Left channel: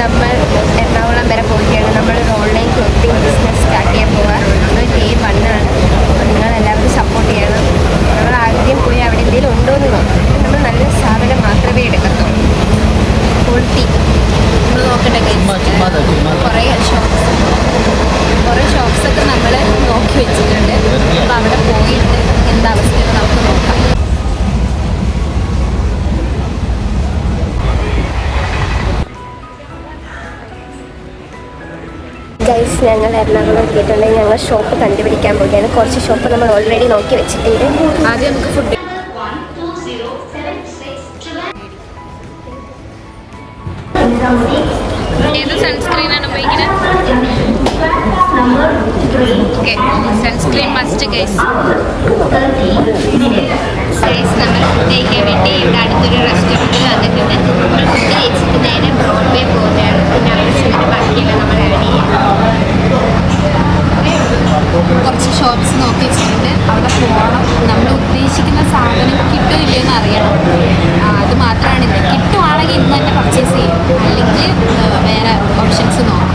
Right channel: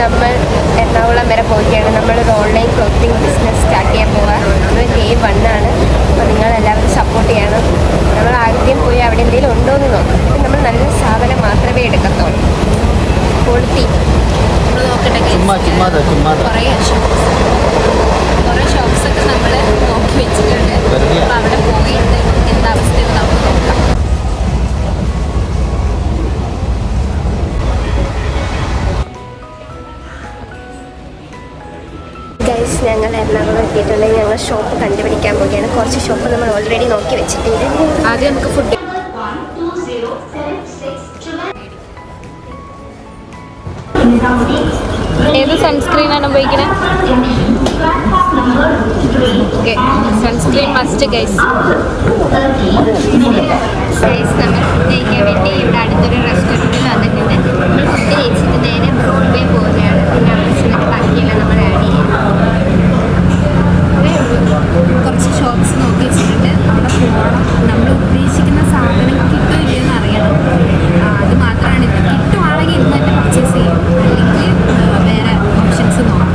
നമ്മൾ എറണാകുളം വരെ പോവുകയാണ്. നമ്മളൊരു ഓൺലൈൻ ക്ലോത്തിങ് ബിസിനസ് സ്റ്റാർട്ട് ചെയ്യാൻ പോവുക. നമ്മൾ Day 1 ആണ്. അപ്പോൾ നിങ്ങളെല്ലാവരും സപ്പോർട്ട് ചെയ്യണം. നമ്മൾ ആദ്യം പോയി അവിടെ എന്തെങ്കിലും ഉണ്ടോ എന്ന് നോക്കാം. നമ്മൾ നല്ല സാധനം മാത്രമേ എടുക്കത്തുള്ളൂ. ക്വാളിറ്റി നമ്മൾ നോക്കട്ടെ. കുറേ ഷോപ്സൊക്കെ നമ്മൾ നോക്കി വെച്ചിട്ടുണ്ട്. അപ്പോൾ അവിടെ പോയിട്ട് എന്താ അവസ്ഥയെന്ന് നമുക്ക് നോക്കാം. ഞങ്ങൾ എറണാകുളം എത്തിയിട്ടുണ്ടെങ്കിൽ ഞങ്ങൾ ഷോപ്പ് കണ്ടുപിടിക്കാൻ വേണ്ടിയാണ്. കുറച്ച് ഷോപ്പ് നമ്മൾ ഓൾറെഡി നോക്കി വെച്ചിട്ടുണ്ട്. ആദ്യം നമുക്ക് ഫുഡ് ഏത് സൺസ്ക്രീനാണ് ഉപയോഗിക്കുന്നത്? Sunscreen must guys. നമ്മൾ ഫുഡ് കഴിക്കാൻ വേണ്ടി ഇവിടെ അടുത്തൊരു റെസ്റ്റോറൻറ്റിൽ വന്നിട്ടുണ്ട്. നമ്മൾ ഫുഡ് കഴിച്ചിട്ട് നേരെ ബ്രോഡ്വേ പോകുന്നതാണ്. പിന്നെ അവിടെ ചെന്നിട്ട് ബാക്കിയെല്ലാം നമ്മൾ ആഡ് ചെയ്യാം. കുറച്ച് ഷോപ്സ് നോക്കി വെച്ചിട്ടുണ്ട്. അവിടെ പോകണം. നമ്മൾ ഉദ്ദേശിക്കുന്ന സാധനം കിട്ടുമോ ഇല്ലയെന്ന് അറിയണം. അത് മാത്രമാണ് ഇത്. കിട്ടുവാണെങ്കിൽ ഇന്ന് തന്നെ പർച്ചേസ് ചെയ്യും, അല്ലെങ്കിൽ വേറെ ഓപ്ഷൻസ് നോക്കാം.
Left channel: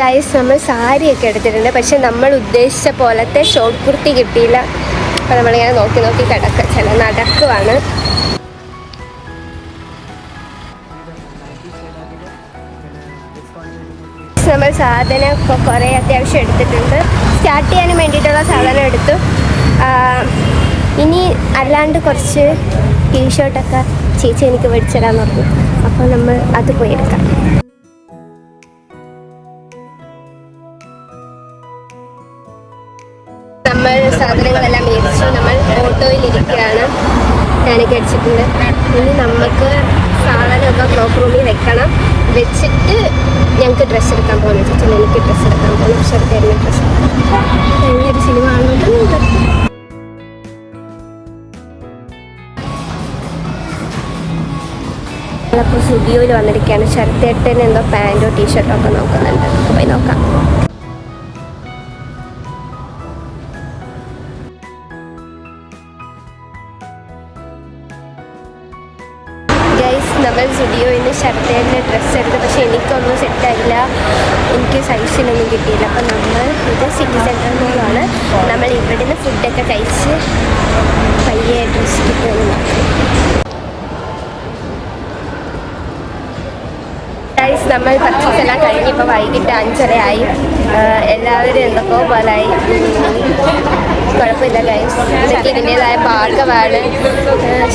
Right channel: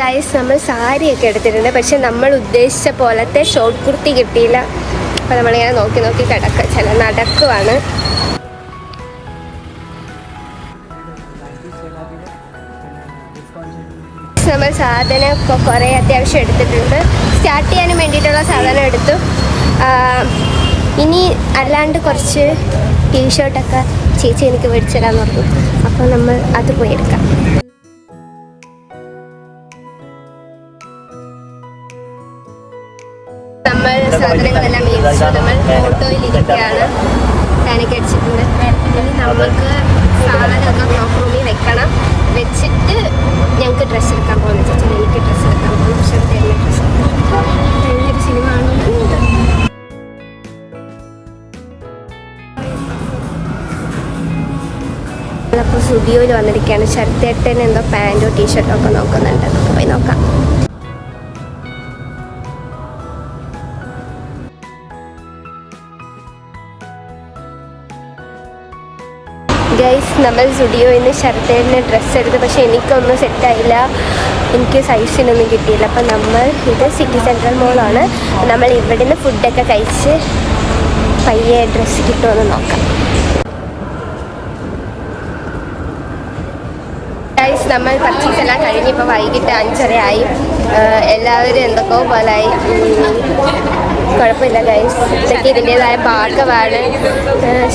ഗൈസ്, നമ്മൾ സാരിയൊക്കെ എടുത്തിട്ടുണ്ട്. പക്ഷെ നമ്മൾ ഉദ്ദേശിച്ച പോലത്തെ ഷോർട്ട് കുർത്തി കിട്ടിയില്ല. അപ്പോൾ നമ്മളിങ്ങനെ നോക്കി നോക്കി നടക്കുവാണ്. നമ്മൾ സാധനം ഇപ്പോൾ കുറേ അത്യാവശ്യം എടുത്തിട്ടുണ്ട്. സ്റ്റാർട്ട് ചെയ്യാനും വേണ്ടിയിട്ടുള്ള സാധനം എടുത്തു. ഇനി അല്ലാണ്ട് കുറച്ച് ടീഷർട്ടൊക്കെ ചേച്ചി എനിക്ക് മേടിച്ചു തരാൻ പറഞ്ഞു. അപ്പോൾ നമ്മൾ അത് പോയി എടുക്കാം. നമ്മൾ സാധനങ്ങളെല്ലാം മേടിച്ചു. നമ്മൾ ഓട്ടോയിൽ ഇരിക്കുകയാണ്. ഞാനൊക്കെ അടിച്ചിട്ടുണ്ട്. ഇനി നമുക്ക് സാധനമൊക്കെ ക്ലോക്ക് റൂമിൽ വെക്കണം. വെച്ചിട്ട് ഞങ്ങൾക്ക് ഡ്രസ്സ് എടുക്കാൻ പോകണം. ചേച്ചി എനിക്ക് ഡ്രസ്സ് എടുക്കാൻ പോകണം. ഷർട്ട് ഡ്രസ്സ് ഒരു സിനിമ നമ്മളപ്പോൾ സ്റ്റുഡിയോയിൽ വന്നിരിക്കുകയാണ്. ഷർട്ടേട്ടന് എന്തോ പാൻറ്റോ ടീഷർട്ടോ ഒക്കെ നോക്കുന്നുണ്ട്. നമുക്ക് പോയി നോക്കാം. നമ്മൾ സ്റ്റുഡിയോയിൽ നിന്ന് ഷർട്ടേന് ഡ്രസ്സ് എടുത്തു. പക്ഷേ എനിക്കൊന്നും സെറ്റായില്ല. എനിക്ക് സൈസിനൊന്നും കിട്ടിയില്ല. അപ്പോൾ നമ്മൾ ഇത് സിറ്റി സെൻട്രൽ മോളാണ്. നമ്മൾ ഇവിടെ നിന്ന് ഫുഡൊക്കെ കഴിച്ച് പയ്യെ ഡ്രസ്സ് കിട്ടുമെന്ന് നോക്കാം. ഗൈസ്, നമ്മൾ പർച്ചേസ് എല്ലാം കഴിഞ്ഞ് ഇപ്പോൾ വൈകിട്ട് 5:30 ആയി. എല്ലാവരും എന്തൊക്കെയോ പോലായി. കുഴപ്പമില്ല ഗൈസ്, ഇതൊക്കെ ഇതിൻ്റെതായ ഭാഗമാണ്.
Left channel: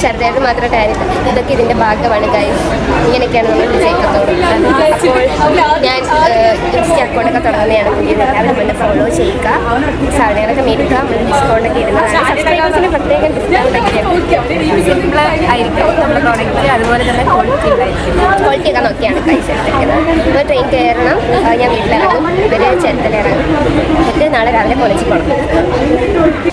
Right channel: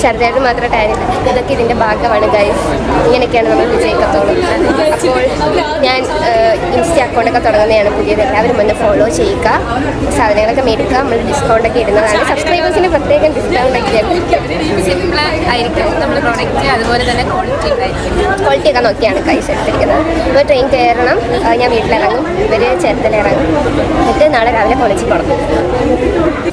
ഷർട്ടേക്ക് മാത്രം ടൈം. ഇതൊക്കെ ഇതിൻ്റെ ഭാഗമാണ് ഗൈസ്. ഇങ്ങനെയൊക്കെയാണ് നമ്മൾ വിജയിക്കത്തോളൂ. അപ്പോൾ ഞാൻ ഇൻസ്റ്റ അക്കൗണ്ടൊക്കെ തുടങ്ങുന്നതാണ് പുതിയത്. എല്ലാവരും മുന്നേ ഫോളോ ചെയ്യുക. സാധനങ്ങളൊക്കെ മേടിക്കാം. ഡിസ്കൗണ്ടൊക്കെ ഇടുന്നതാണ്. സബ്സ്ക്രൈബേഴ്സിന് പ്രത്യേകം ഡിസ്കൗണ്ടൊക്കെ സിമ്പിൾ ആയിരിക്കും നമ്മുടെ പ്രോഡക്റ്റ്. അതുപോലെ തന്നെ ക്വാളിറ്റിയൊക്കെ നോക്കിയാണ് ഗൈസ് എടുത്തിരിക്കുന്നത്. ഇപ്പോൾ ട്രെയിൻ കയറണം. ഞാൻ വീട്ടിലിറങ്ങും. ഇവർ ചേർത്തല ഇറങ്ങും. ഇത് നാളെ രാവിലെ കൊളിച്ച് പോകണം.